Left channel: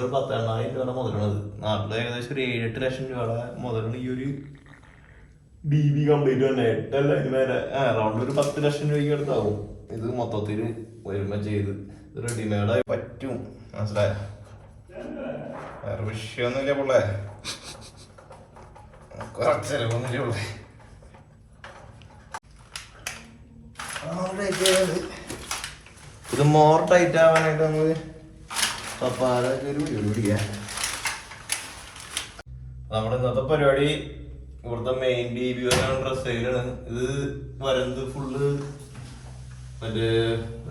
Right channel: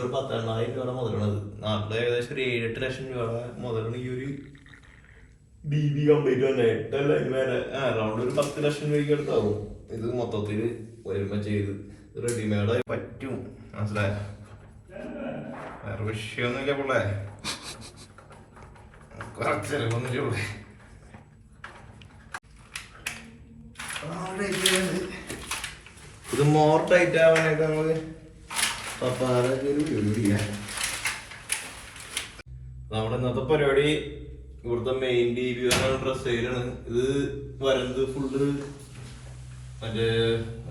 ഒരു പത്തെണ്ണായിരം രൂപയാണ് മുതലുള്ളത്. നാട്ടിൽ ഏകദേശം ഒരു ഏഴെട്ട് ലക്ഷം രൂപയുടെ മുതലാണ് ഈ ഒരു ബി ബി കംപ്ലീറ്റ് തന്നെ. എട്ടല്ല ഇനി വരെ അറൗണ്ട് ഒരു പത്ത് ലക്ഷം രൂപയ്ക്ക് അടുത്താവും. ഇത് മൊത്തത്തിൽ ഒരുമ ചെയ്ത് റെഡിമെയ്ഡായി പറ്റും. മനസ്സിലായ? വേറെ വിഷയമൊന്നുമില്ല പിള്ളേ. കുറച്ച് ചെലവൊന്നുമില്ല പിള്ളേ. ഇത് മോർ ടൈറ്റ് ആവാനായിട്ട് നമ്മുടെ ഇന്നത്തെ പരിപാടി ഇവിടുത്തെ മെയിൻ ടി വി ഡ്രസ് സെയിലാണ് ഇത് വരുന്നത് ഫുള്ള് മറ്റേ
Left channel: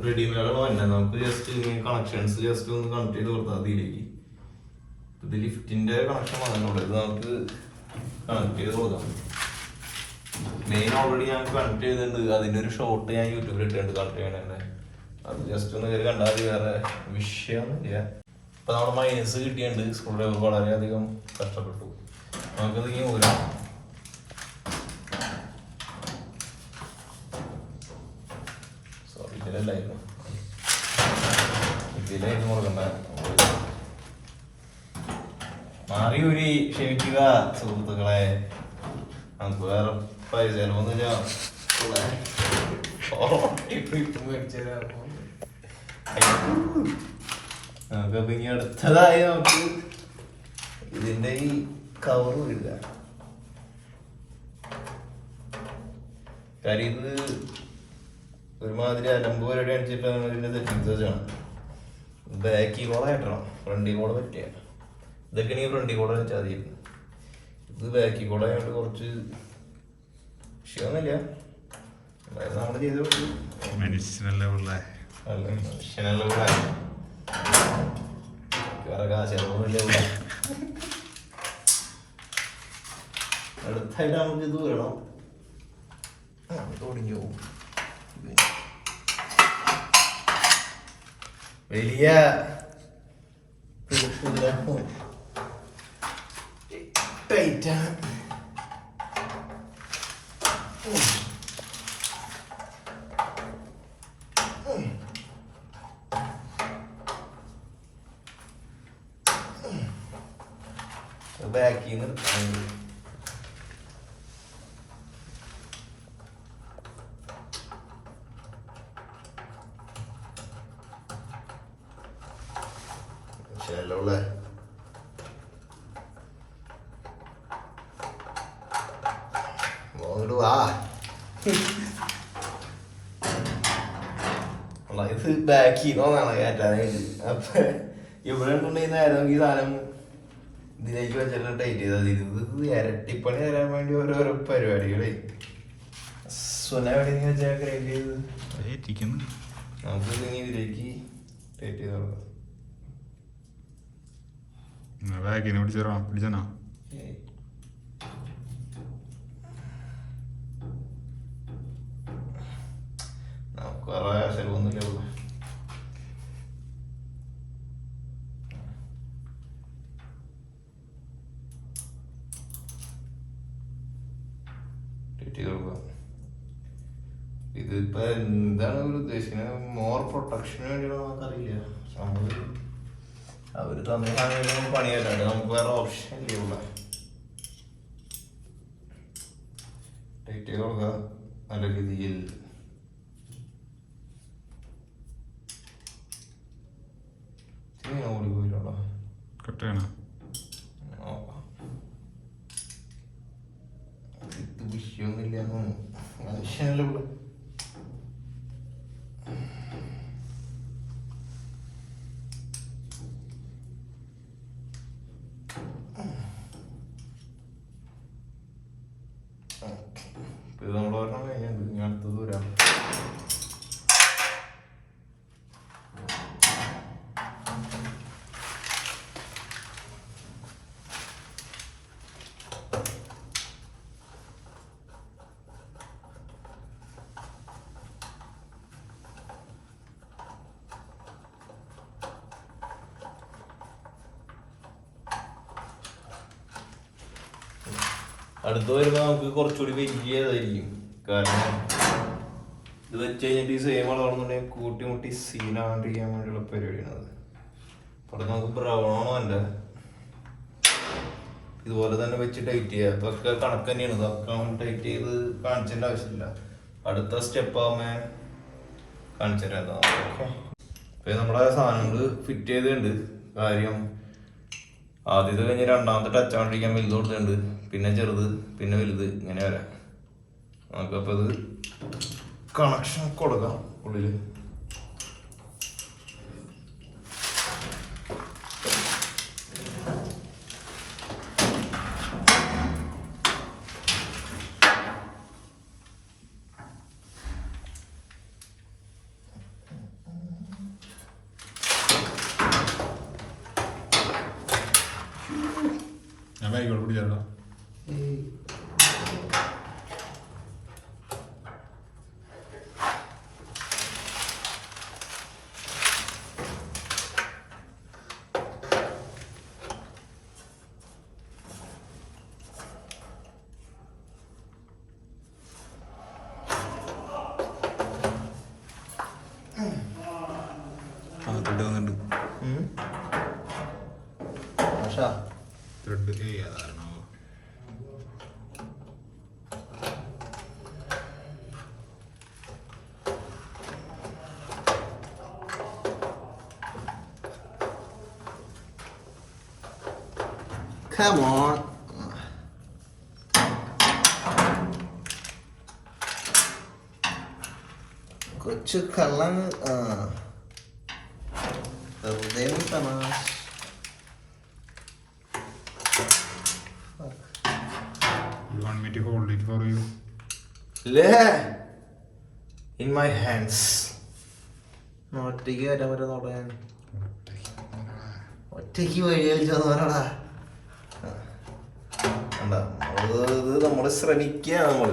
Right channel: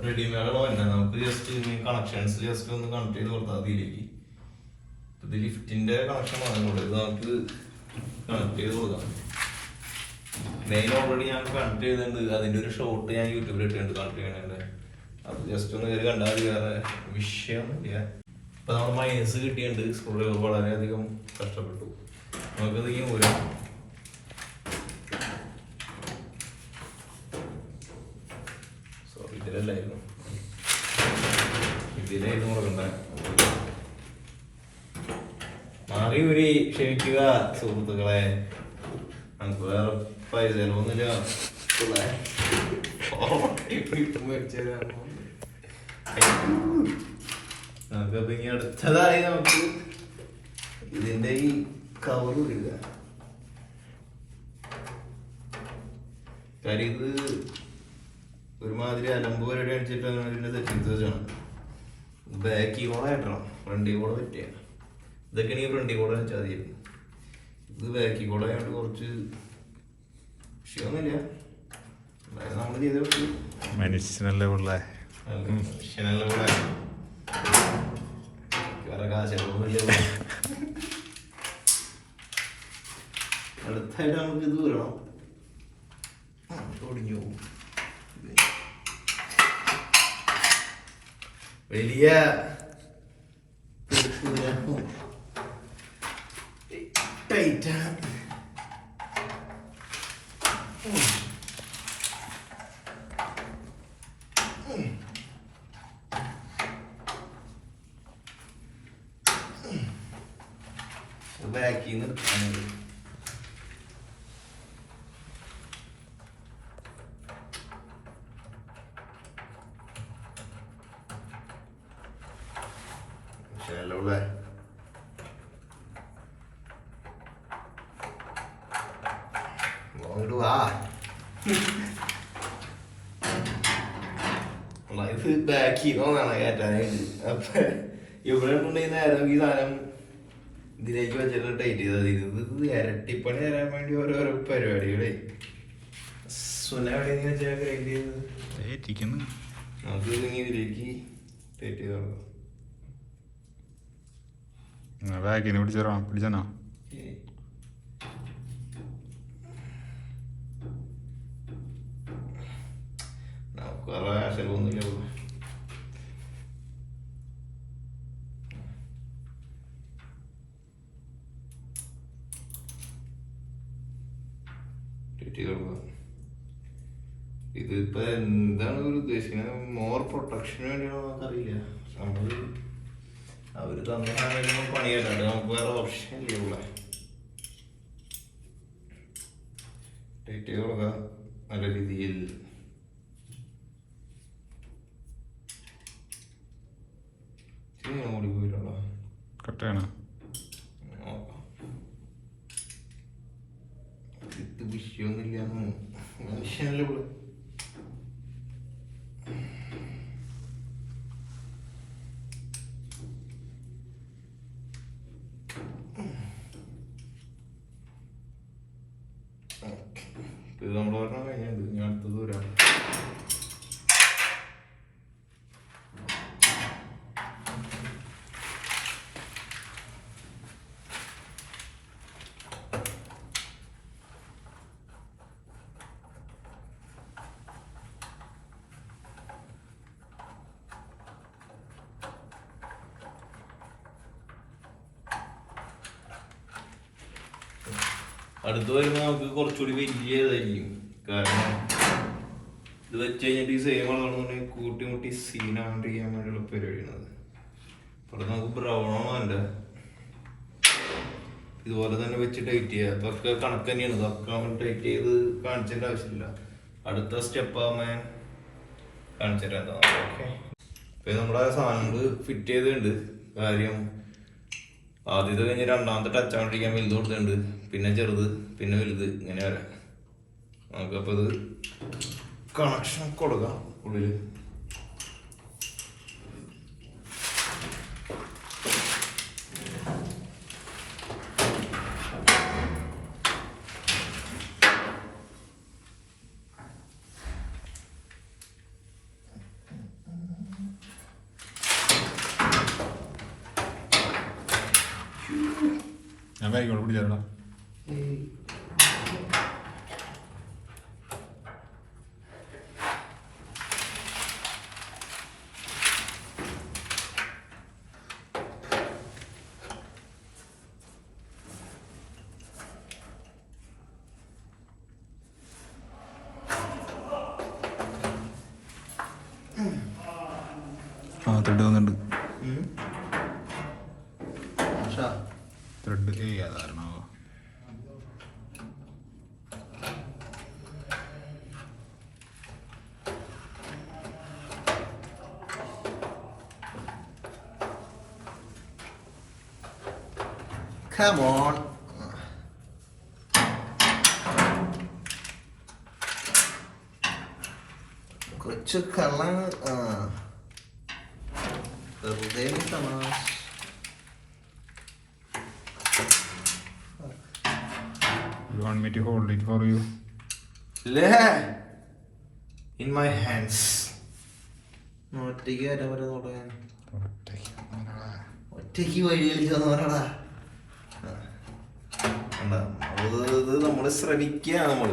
റെഡിമെയ്ഡാണ് വരുന്നത് നമുക്ക് ജസ്റ്റ് കണക്ഷൻസ് ജസ്റ്റ് ഒന്ന് കണക്ട് ചെയ്ത് കൊടുത്താൽ അതിലേക്ക് ഇത് ലിഫ്റ്റിന്റെ കണക്ഷൻ വന്നിട്ടുണ്ട് ഇത് നമുക്ക് കണക്ട് ചെയ്ത് കൊടുക്കാം. മെയിൻ ഓൾറെഡി ഞാൻ കണക്ട് ചെയ്തിട്ടുണ്ട്. അതിന്റെ ഒരു ഷോട്ട് ഞാൻ യൂട്യൂബിൽ ഇട്ടിട്ടുണ്ട്. കണക്ട് ചെയ്യണേ അത് ജസ്റ്റ് ഒന്ന് കയറി കണ്ടാൽ മതി വേറെ വിഷയമൊന്നുമില്ല ഇപ്പൊ നമ്മുടെ മൈനസ് കിട്ടിയിട്ടുണ്ട്. സ്ക്രൂ ഡ്രൈവർ വളരെയധികം കഷ്ടപ്പെട്ടു. നമുക്കത് ഈ ഊരാം. സോറി ഇതിലായിരുന്നു മാറി ഒരു ക്ഷമിക്കുക സുഹൃത്തുക്കളെ. നമുക്ക് വേറെ പൈസ ചെലവൊന്നുമില്ല ഉള്ളേ. ഇപ്പൊ ഇപ്പൊ മേടിച്ചതാ. അയ്യോ. നമുക്കപ്പൊ അടുത്തതായി നമുക്ക് ഇതിന്റെ ഈ കവറും ഇല്ല കാര്യം ഇത് ഒരുമാതിരി അലമ്പ് പരിപാടി അടിച്ചിട്ടാണ് ഇതിന്റെ സെറ്റിങ്സ് വെച്ചാണ് ബാക്കി കൂടെ കിട്ടണം ഫ്രണ്ടി കൂടെ പറ്റിയ. ഇതൊക്കെ ഈ ഫ്രണ്ടി കൂടെ വെച്ചാൽ മതി ഇത് ബാക്കി കൂടെ ആയിട്ട് കുറച്ച് വിഷയമൊന്നുമില്ല. നമ്മൾ ചെയ്ത് വിട്ടു മനുഷ്യനല്ലേ വലിയ ടൈറ്റാണ് ബാക്കിൽ നിന്ന് അങ്ങോട്ട് ശരിയല്ലേ അങ്ങോട്ട് വാ. ഇത് ബാക്കി തോന്നാണ് കയറ്റാനായിട്ട് അപ്പൊ ഇവിടെ കൊണ്ടുപോയി നേരം ഈ സാധനം ഇതിലേക്ക് വെച്ചിട്ട് ടൈറ്റ് ചെയ്താൽ. ഇത് ഇരട്ടിപ്പണി തരാൻ വേണ്ടി ഓരോരോ പരിപാടികളെ. സുന എവിടെ വെച്ചാൽ ടൈറ്റ് ചെയ്ത് ഏറ്റിക്കുന്നു. നമുക്ക് ഇതിലേക്ക് ടൈറ്റ് ചെയ്ത് നോക്കാം ബാഗിന് പിടിച്ചോ പിടിച്ചോ നമുക്ക് വേറെ ചിലവൊന്നുമില്ല ഉള്ളൂ ടൈറ്റ് ചെയ്ത് കൊടുക്കാം ഇതിപ്പോ എന്താണ് ഒരു ഉദ്ദേശിക്കുന്നത് മോർ പ്രൊട്ടക്ഷന് വേണ്ടിയാണോ നമുക്കറിയില്ല നമ്മൾ അവർ തന്ന സമയത്ത് പണിയല്ലാണ്ട് നമുക്ക് വേറെ ഓപ്ഷൻ ഇല്ല ടൈറ്റ് ചെയ്ത് നല്ല രീതിയിൽ. ഓടിപ്പോയില്ലോ വിഷയമൊന്നുമില്ല മനുഷ്യനല്ലേ ഉള്ളു ഇത് നമ്മൾ ഒരെണ്ണം കഴിഞ്ഞത് ഇനി അടുത്തത് വരാം അടുത്ത് വരുമ്പോൾ നമുക്ക് കുറച്ചുകൂടി വലിയതായിരിക്കും കാരണം ഇത് വെച്ച് കഴിഞ്ഞിട്ട് ഈ സെയിം ആണെന്നുണ്ടെങ്കിൽ കൂട്ടി മുട്ടി സീനാണ്ടിരിക്കാൻ വേണ്ടിയുള്ള പരിപാടിയാണ് അവിടെ നമുക്ക് ബ്രൗൺ അല്ല ഇതുപോലെ തന്നെ വെച്ച് ടൈറ്റ് ചെയ്യുക ഇതൊക്കെ കണക്ക് തന്നെയാണ്. ഇതൊക്കെ ടൈറ്റ് ചെയ്ത് കാണിച്ചതിന്റെ ആവശ്യമില്ല. അടുത്ത സ്റ്റെപ്പ് ആവുമ്പോ കാണിച്ചു തരാം ഇപ്പൊ നമ്മുടെ സാധനങ്ങൾ ഫിറ്റ് ചെയ്തിട്ടുണ്ട്. കാര്യം ആദ്യത്തെ കഴിഞ്ഞ് രണ്ടാമത്തെ ടച്ച് ആണ്ടിരിക്കാൻ വലുത് കൊടുത്തിട്ടുണ്ട്. പിന്നെ ചെറുത് പിന്നെ വലുത് ഇങ്ങനെ വരാം. നമുക്കപ്പോൾ ഇത് കണക്ഷൻ കൊടുക്കാം ഉള്ളിൽ ഞാൻ ബാഗിലോട്ട് പിടിച്ചേരാം ആ ത്രെഡ് വന്നിട്ടുണ്ട് ഏ അതാണോ Come on. കൊച്ചു കള്ളാണ് ആ വെറുതെ തമാശ You want me to hold it for you? In my hands. ഒറ്റയ്ക്ക് വരാൻ പറ്റുന്ന പറയാൻ ഒറ്റയ്ക്ക് വഴി കളിച്ചു പറയടാ ഇത് നമ്മൾ ശ്രമിക്കുക നമ്മൾ.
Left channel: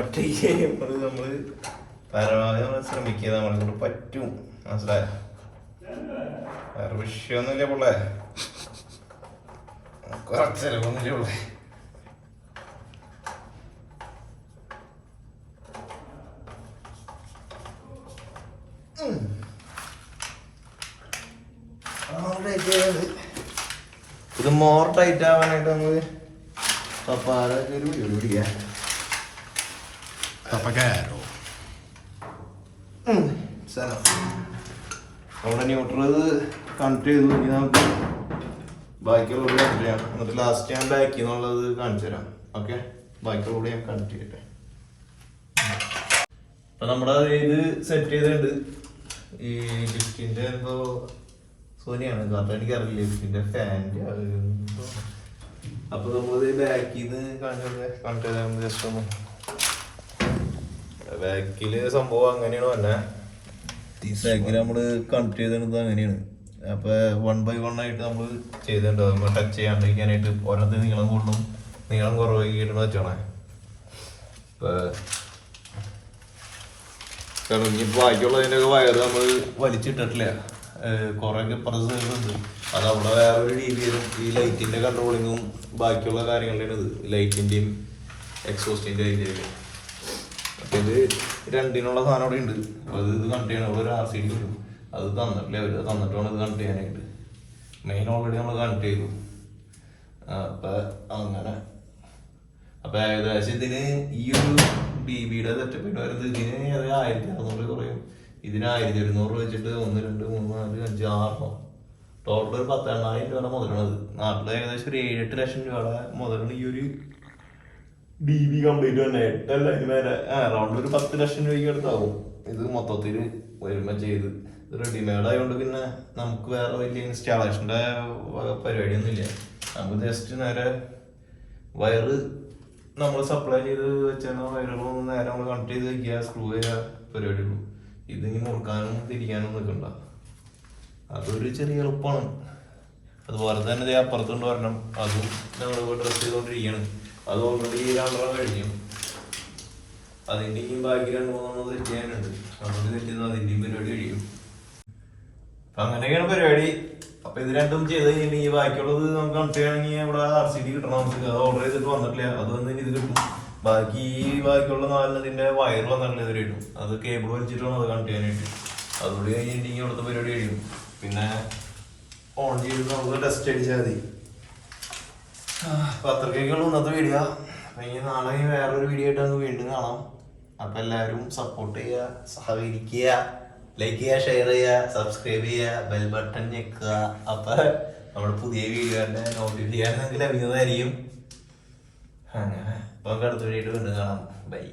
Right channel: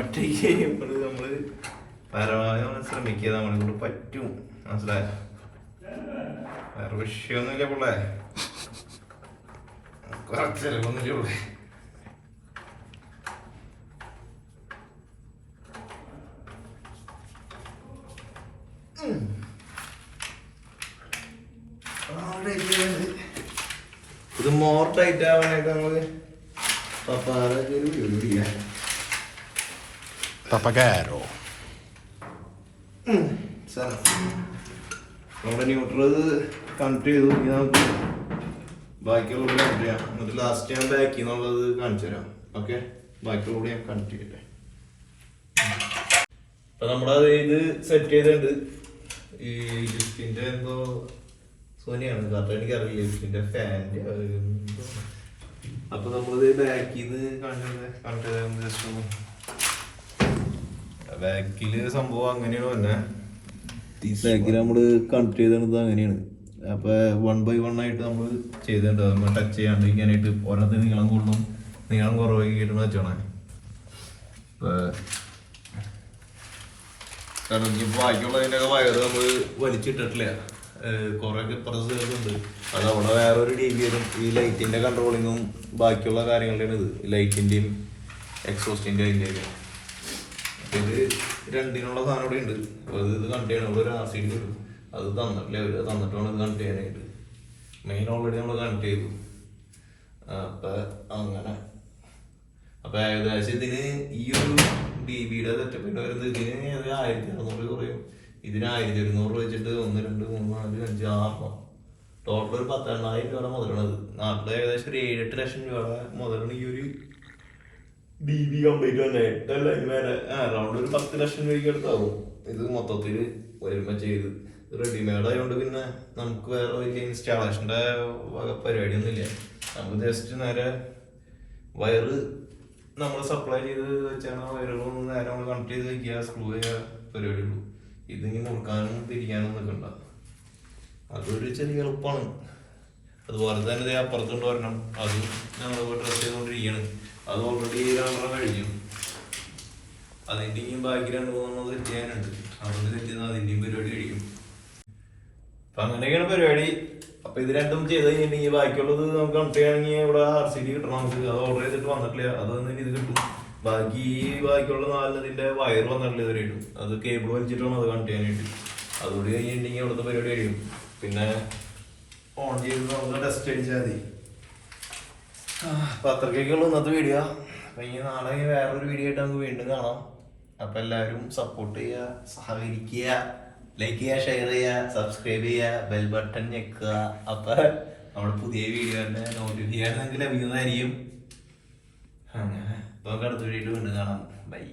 ഒറ്റയ്ക്ക് നമ്മൾ നമ്മൾ പരമാവധി നമ്മൾ ശ്രമിക്കുക നമ്മളെ കൊണ്ട് പറ്റും. മനസ്സിലായ? വേറെ വിഷയമൊന്നുമില്ല പിള്ളേ പിള്ളേ. ഇത് മോർ ടൈറ്റ് ആവാനായിട്ട് നമ്മൾ പപ്പാതൊക്കെ പിടിക്കാം. Papagero. നമ്മുടെ ന്യൂട്രൽ കണക്ട് ചെയ്തു. ഇനി നമുക്ക് ബാക്കിയുള്ളത് കണക്ട് ചെയ്യാം. എന്നിട്ട് ലാസ്റ്റ് ഞാൻ ബാക്കിൽ നിന്നുള്ളത് കാണിച്ചു തരാം. ഓക്കെ ബാക്കിയുള്ള ഞാൻ കണക്ട് ചെയ്യട്ടെ. അപ്പൊ നമ്മുടെ ഇത് സെറ്റ് ചെയ്തിട്ടുണ്ട്. ഈ ഡിസ്കിന്റെ എന്തോ സോനിയാണ്. കറക്റ്റ് എനിക്ക് അറിയില്ല ലിഫ്റ്റിന്റെ ഫാന്റെ അപ്പൊ നമ്മളത് ബാക്കിൽ നിന്ന് കാണിച്ചത് കണക്ട് ജസ്റ്റ് ഒന്ന് ബാക്കിൽ സംഭവം അങ്ങനെയാണ് വന്നെ സൈക്കിൾ നമ്മൾ കണക്ട് ചെയ്തിരുന്നത് അങ്ങനെയാണ്. അപ്പൊ വൺ ബൈ വൺ ആയിട്ട് നമ്മൾ ചെയ്തിട്ടുണ്ട്. അപ്പൊ ടച്ച് ചെയ്യാണ്ടിരിക്കാനായിട്ട് ഓരോരുത്തർ നീളം കൂടുതലും നീളം കുറവായിട്ട് വെച്ചാണ് കാരണം ഇനി ബാക്കിയുള്ളതിന്റെ ഒക്കെ വയറ് നമ്മൾ വലിച്ചിട്ടിട്ടില്ല. കുറെ പ്രസുണ്ട് അത് അവിടെ വേറെ ഒരു ബി ഈ ലൈറ്റിന്റെ കൺട്രോളിങ്ങും ബാക്കിയുള്ള കാര്യങ്ങളുടെയാണ് ഇത്. ലൈറ്റിന്റെയും എക്സോസ്റ്റിന്റെ അതിന്റെയൊക്കെ അപ്പൊ ഇത് രണ്ടിനുള്ള സാധനം ഇവിടെ ഉണ്ട്. അത് ഇത് ഇത് കണ്ടു ചെയ്യാൻ ഇവിടെ ഒരു ആർ സി ഡി ഉണ്ട് അത് തന്നിട്ടില്ല. അവർ തന്നിട്ടാണ് ഇത് കണക്ട് ചെയ്യാനായിട്ട്. മെയിൻ ഓൾറെഡി നമ്മൾ കണക്ട് ചെയ്തു. അപ്പൊ അങ്ങനെ. അപ്പൊ ഏകദേശം ഇതിന് ഈ ഒരു ബി ബിയുടെ സെറ്റപ്പ് വരുന്നത് ഇതിന് ഒരു ആയിരത്തി അറുന്നൂറ് കുറയും. ഇതിന് ആയിരത്തി ഒരുന്നൂറ് വെച്ചിട്ട് ഒന്ന് രണ്ട് മൂന്ന് നാല് അഞ്ച് ആറെണ്ണം. ടോട്ടൽ ഒരു പത്തെണ്ണായിരം രൂപയുടെ മുതലാണ് നാട്ടിൽ ഏകദേശം ഒരു ഏഴെട്ട് ലക്ഷം രൂപയുടെ മുതലാണ് ഈ ഒരു ബി ബി കംപ്ലീറ്റ് തന്നെ. എട്ടല്ല ഇങ്ങനെ അറൗണ്ട് ഒരു പത്ത് ലക്ഷം രൂപയ്ക്ക് അടുത്താവും. ഇത് മൊത്തത്തിൽ ഒരുമ ചെയ്ത് റെഡിമെയ്ഡ് ആയതുകൊണ്ട് പിന്നെ നമുക്ക് വേറെ വലിയ ഇൻസ്റ്റാളേഷന്റെ പരിപാടിയൊന്നും ഇല്ല നമുക്ക് ജസ്റ്റ് നേരെ വയറ് നമ്മൾ സപ്ലൈ ചെയ്ത് വെച്ചാൽ വയറുകളൊന്നും നേരെ നമ്മൾ കണക്ട് ചെയ്ത് വയ്ക്കുക സ്ക്രൂ ചെയ്യുക പരിപാടിയുള്ളൂ ഇതിനി മുറുക്കാനും തിരിക്കാനും നിൽക്കണ്ട. അതൊരു ചെറിയ എളുപ്പമാണ്. അതുപോലെ തന്നെ അപ്പുറത്തുണ്ട് പറഞ്ഞ അതും നമ്മൾ ഡ്രസ് ചെയ്തുകൊണ്ടിരിക്കുകയാണ് അത് ഓൾറെഡി രണ്ടെണ്ണം കഴിഞ്ഞു. അതിന്റെയും ബാക്കി രണ്ട് മൂന്നെണ്ണം സെറ്റ് ചെയ്യാനുണ്ട്. അതൊന്ന് കിട്ടിയത് അതിന്റെയും പരിപാടി കഴിയും. അപ്പൊ അങ്ങനെയൊക്കെയാണ് പരിപാടി. അപ്പൊ ഇത് രണ്ടും ചെയ്ത് കഴിഞ്ഞിട്ടുണ്ടെങ്കിൽ ബാക്കിയുള്ളത് നമുക്ക് കണ്ടിട്ടാണെങ്കിൽ ഇവിടെ ആർ സി ഡി കിട്ടണം നമുക്ക്. അത് ഓർഡർ ചെയ്തിട്ട് വന്നിട്ടില്ല. അത് ഇത് കിട്ടും. ബാക്കി ഈ ബാക്കിയുള്ള നാലിനതിന്റെ വയർ വന്നിട്ടില്ല ഇതുവരെ കിട്ടും അത് കേബിൾ വലിച്ചിട്ടാണ് അത് കണക്ട് ചെയ്യാനായിട്ട്. അതുകൂടി കഴിഞ്ഞിട്ടുണ്ടെങ്കിൽ അവിടുത്തെ പരിപാടി കഴിയും. പിന്നെ ഓൺ ചെയ്ത് നമുക്ക് ടെസ്റ്റ് അടിച്ചാൽ മതി. അപ്പൊ അത്രയ്ക്കുള്ള ഇന്നത്തെ വീഡിയോ കഴിഞ്ഞ ഇനി നാളെ വേറൊരു വീഡിയോ ആയിട്ട് നമുക്ക് വീണ്ടും കാണാം. അപ്പൊ എല്ലാവരും സപ്പോർട്ട് ചെയ്യുക സഹകരിക്കുക ലൈക്ക് ചെയ്യുക ഷെയർ ചെയ്യുക സബ്സ്ക്രൈബ് ചെയ്യുക ബെൽ ബട്ടൺ ഞെക്കുക. അപ്പൊ നമ്മുടെ പുതിയ വീഡിയോന്റെ നോട്ടിഫിക്കേഷൻ നിങ്ങൾക്ക് ലഭിക്കുന്നതായിരിക്കും. അങ്ങനെ. അപ്പൊ നമുക്ക് അടുത്ത വീഡിയോ വീണ്ടും കാണാം. ബൈ